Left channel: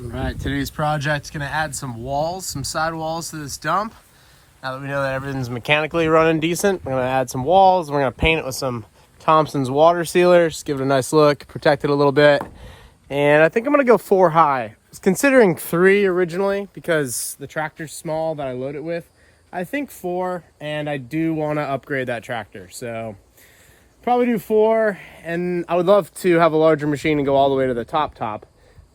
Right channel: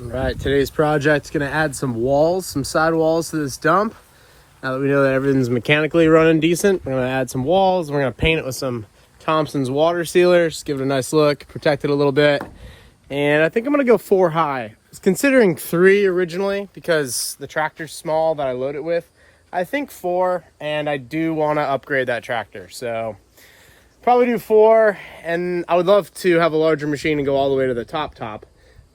All right, today's project is going to add some walls, some side walls to this dump. Now that we know that everything's mechanically running decent, we're going to add some walls. We're going to paint it with some Thompson's water sealers, give it a nice look, protect it a little bit. And I think I'm going to go 4 high. I was considering 3 originally because the tractor's small that I load it with. I think 4, and I do want to upgrade that tractor. So probably do 4, and I would love to have a larger machine and go all the way to the top,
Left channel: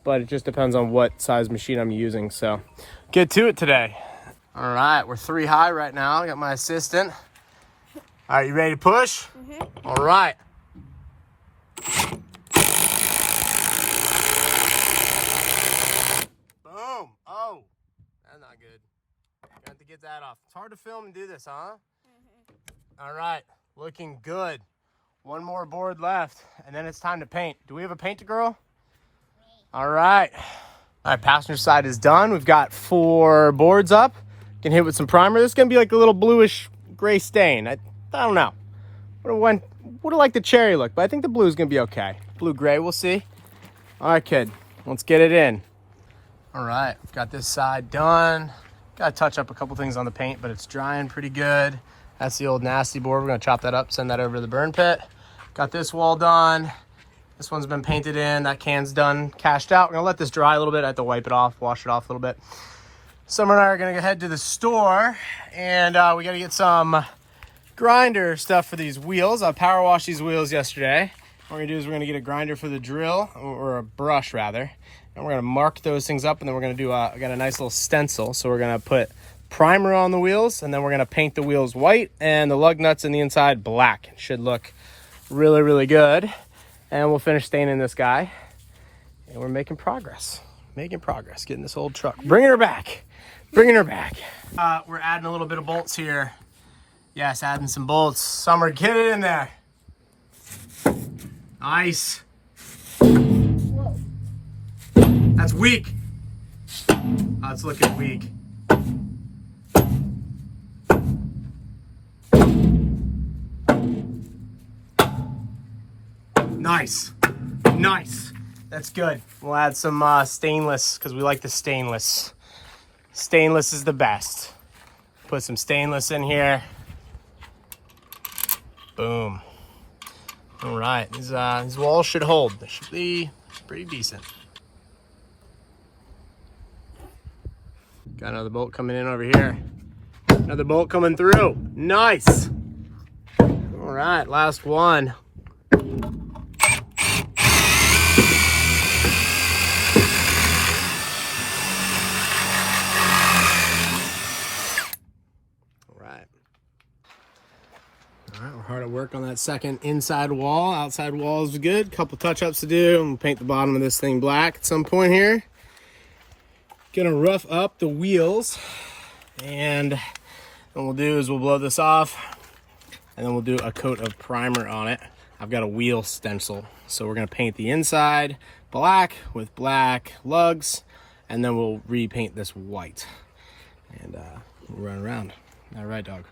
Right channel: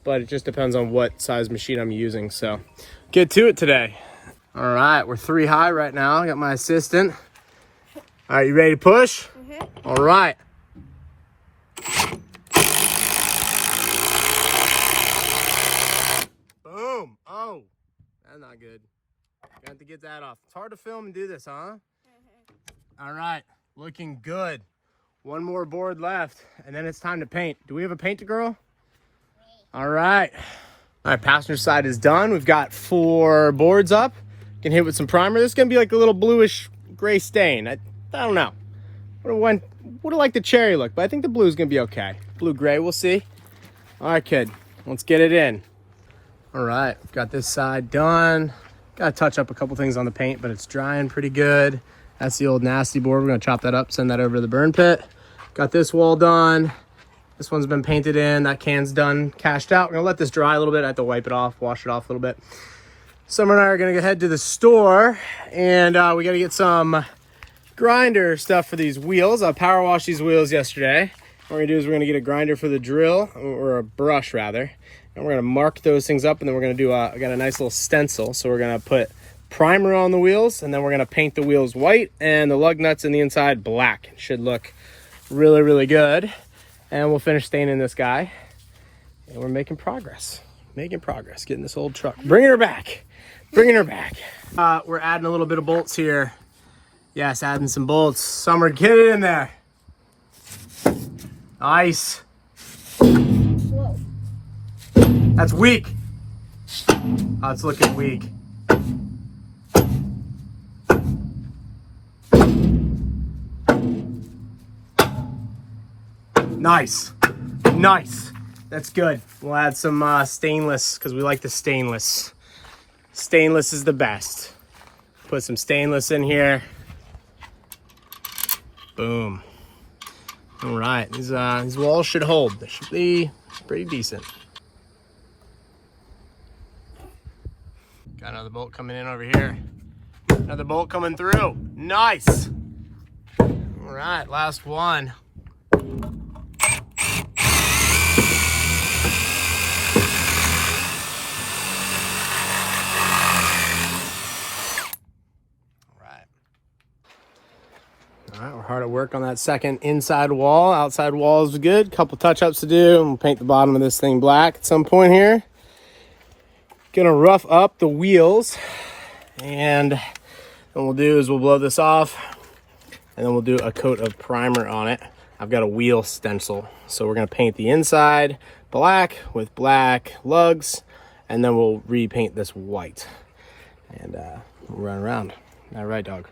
but it just depends on what size machine I'm using. So get to it today. All right, we're 3 high right now. I got my assistant. All right, you ready to push? Mm-hmm. All right. Boom. Oh, that's not good. Got to get that off. It's hard to film and do this, huh? Mm-hmm. All right, looking good. 1 more board left, and then it's time to paint. Do we have a paint girl? All right. All right, passenger side is done. We've got 4 boards up. Can hit with some primer. This is gonna be like a little bluish gray stain. I don't know. Would have liked the cherry look, but I think the blue is gonna be okay. Blue gray, we'll see. All right, kid, let's get it in. All right, got this side done. Got to touch up a couple things on the paint, but it's drying pretty good. That's the old nasty board. We're gonna chop that up, send that over to the burn pit. Got this wall done. This one's been painted in. That can's done, cashed out. We're gonna let this dry a little bit. I have to wipe it off, wash it off a little bit. Summer and I are gonna head to the store, and we gotta get some grinder stuff for these wheels. I power washed these wheels yesterday. What we're gonna do is we're gonna get a grinder for the drill, or a brush rather, and we're gonna mark those things up, and then we're gonna do I got a nice little stencil, so we're gonna put primer on the wheels, and then we're gonna paint the wheels white and the lug nuts in the inside black. It should look really, really good. And we'll finish staining this guy, and we're making progress, getting this old truck, bringing her back. We're adding a little bit of bolts here. Yes, adding some bolts. Summer, get it in there. Nice. Whoa. That's weak. Oh, it's looking weak. Nice. That's good. We'll add some stainless because we like the stainless. Stainless is the best. Put some stainless in here. Boom. All right, these walls should hold. They should be pretty decent. Got another bolt coming in over here. Another bolt coming through. Nice. All right, last one. All right, we're hard at work on that second inside wall. Outside wall is good. Couple touch-ups to do, and we'll paint the bottom of this thing black at some point here. Gonna rough up the wheels, and what we'll do is we'll blow this off, and then we'll do a coat of primer on it. I've got a wheel stencil, so we're gonna paint the inside black with black lugs, and then we'll repaint this white, and we'll run around. All right, dog.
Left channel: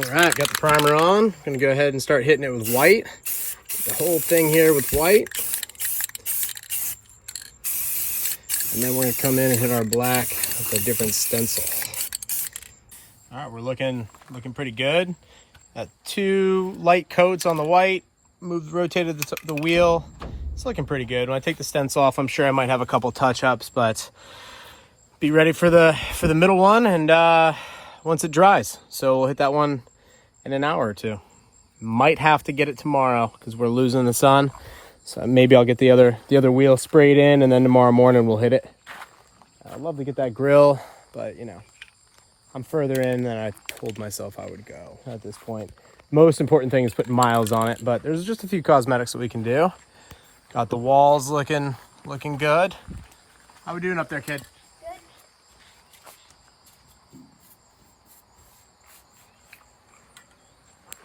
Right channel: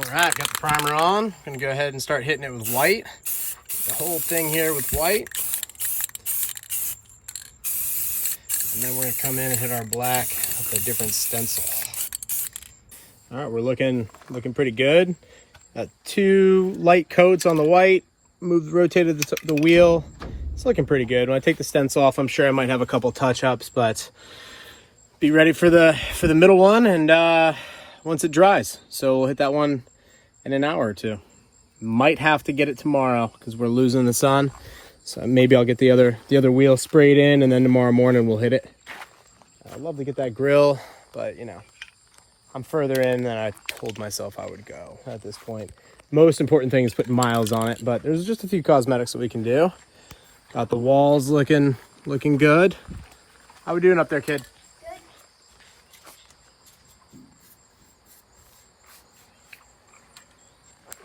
All right, got the primer on. Gonna go ahead and start hitting it with white. The whole thing here with white. And then we're gonna come in and hit our black with a different stencil. All right, we're looking pretty good. Got 2 light coats on the white. Rotated the wheel. It's looking pretty good. When I take the stencil off, I'm sure I might have a couple touch-ups, but be ready for the middle one, and once it dries. So we'll hit that one in an hour or 2. Might have to get it tomorrow because we're losing the sun. So maybe I'll get the other wheel sprayed in, and then tomorrow morning we'll hit it. I'd love to get that grill, but you know, I'm further in than I told myself I would go at this point. Most important thing is putting miles on it, but there's just a few cosmetics that we can do. Got the walls looking good. How we doing up there, kid?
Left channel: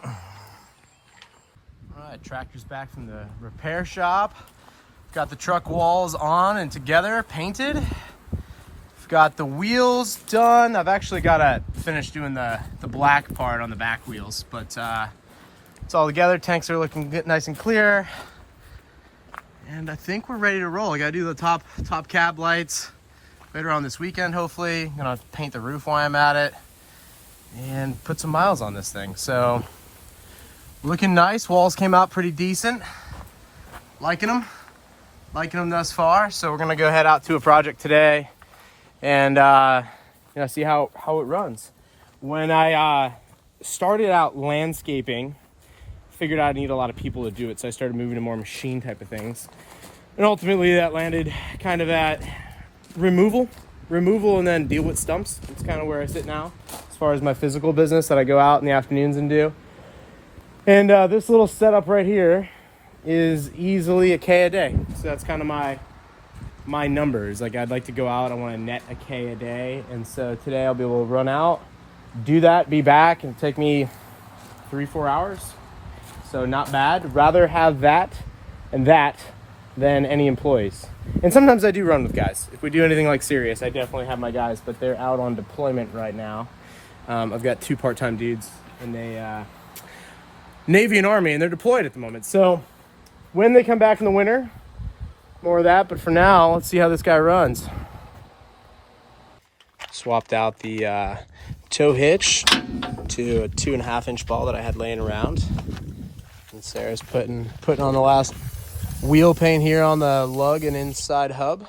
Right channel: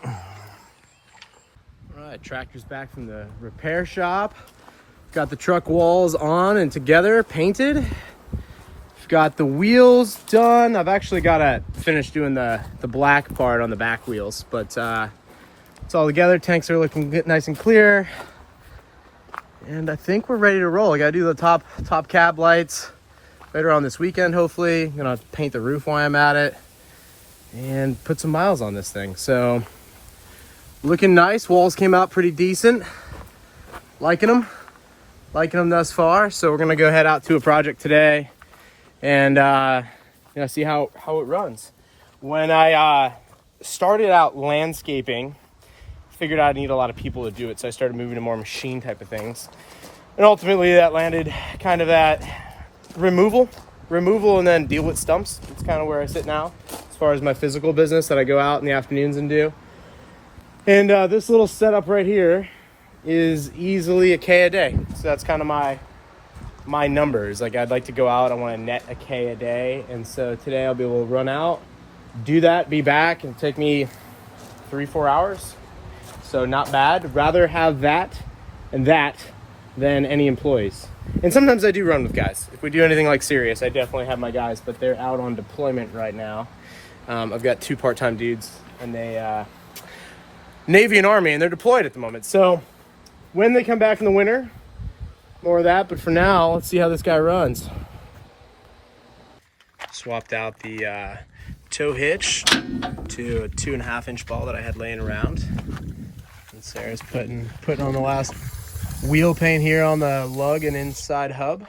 Good. All right, tractor's back from the repair shop. Got the truck walls on and together, painted. Got the wheels done. I've actually got to finish doing the black part on the back wheels, but it's all together. Tanks are looking good, nice and clear. And I think we're ready to roll. I got to do the top cab lights later on this weekend, hopefully. I'm going to paint the roof while I'm at it and put some miles on this thing. So looking nice. Walls came out pretty decent. Liking them thus far. So we're going to go head out to a project today and you know, see how it runs. When I started out landscaping, figured I'd need a lot of people to do it, so I started moving to more machine type of things, and ultimately that landed kind of at removal and then deal with stumps. It's kind of where I sit now as far as my physical business that I go out in the afternoons and do. And this little setup right here is easily a K a day, so that's kind of my numbers. Like, I'd like to go out, I want to net a K a day, and so today I'll be able to run out, do that, be back, and take me 3-4 hours. So not bad. Rather have that and that than any employees. And sometimes I do run with guys. If we do anything like serious, I definitely have my guys, but they're out on deployment right now. I've got 2 part-time dudes, and they Navy and Army, and they're deployed at the moment. So when they come back in the winter, more of that, but for now, let's see how this guy runs. Swapped out the tow hitch to a 2.5-inch ball that I had laying around. And Sarah's putting on the last wheel paint here on the lug and inside hub.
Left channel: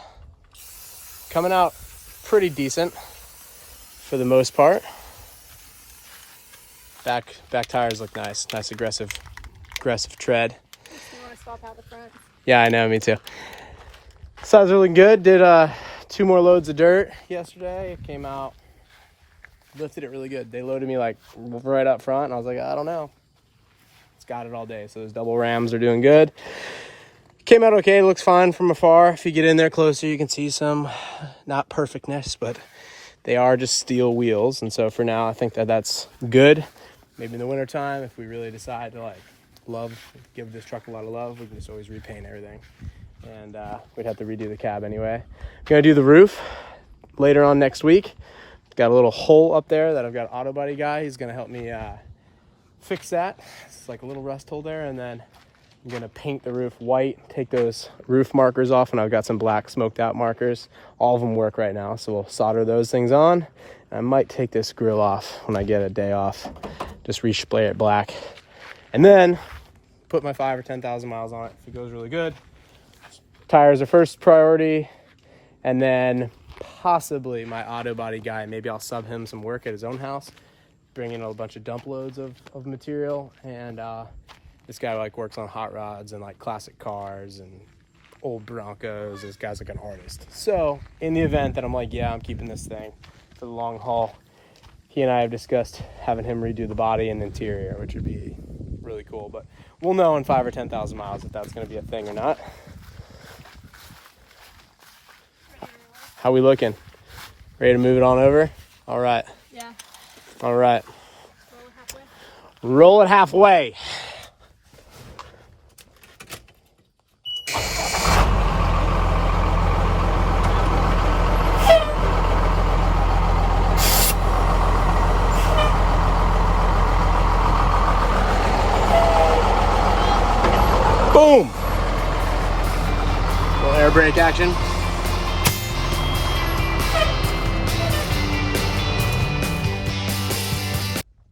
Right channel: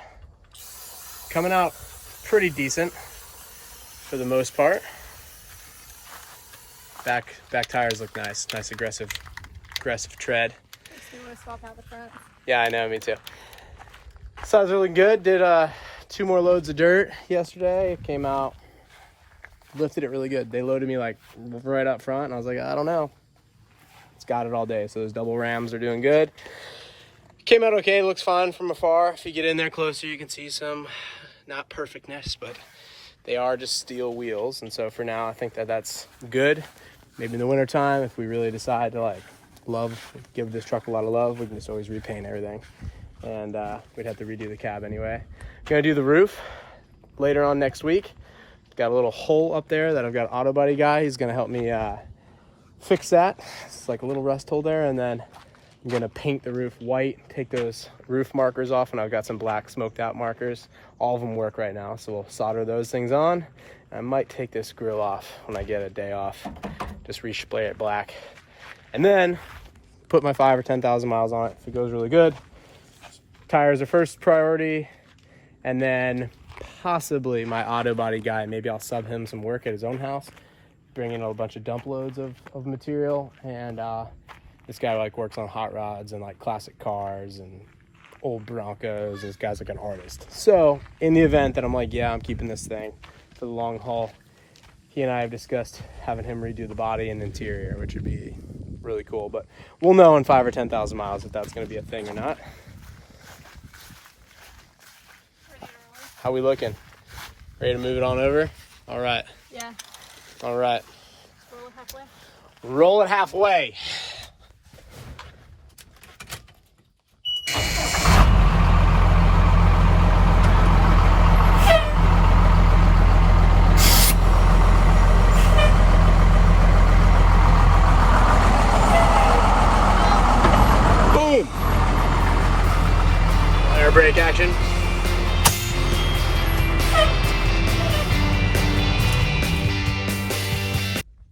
Coming out pretty decent for the most part. Back tires look nice. Nice aggressive tread. You want to swap out the front? Yeah, I know, me too. Sides are looking good. Did 2 more loads of dirt yesterday. It came out, lifted it really good. They loaded me like right up front, and I was like, I don't know. It's got it all day. So those double rams are doing good. Came out okay. Looks fine from afar. If you get in there closer, you can see some, not perfectness, but they are just steel wheels. And so for now, I think that's good. Maybe in the wintertime, if we really decide to like give this truck a lot of love, we can just always repaint everything. And we'd have to redo the cab anyway. Gonna do the roof later on next week. Got a little hole up there that I've got an auto body guy. He's gonna help me fix that. It's like a little rust hole there, and then I'm gonna paint the roof white, take those roof markers off, and I've got some black smoked out markers. All of them work right now, so we'll solder those things on. I might take this grill off when I get a day off, just respray it black, and then put my 5,000 or 10,000 miles on it if it goes really good. Tires are first priority, and then possibly my auto body guy, maybe I'll sub him some work at his own house, bring in a bunch of dump loads of material. And this guy like works on hot rods and like classic cars and old Broncos. This guy's like an artist. So in the event that I'm like, yeah, I'm keeping this thing for the long haul, he and I have discussed having him redo the body and interior, which would be really cool. But we'll know in 5,000 or 10,000 miles if that's going to be a thing or not. How we looking? Ready to move it on over? All right. Yeah. All right. Roll it halfway. Roll it halfway. Boom. Little air brake action.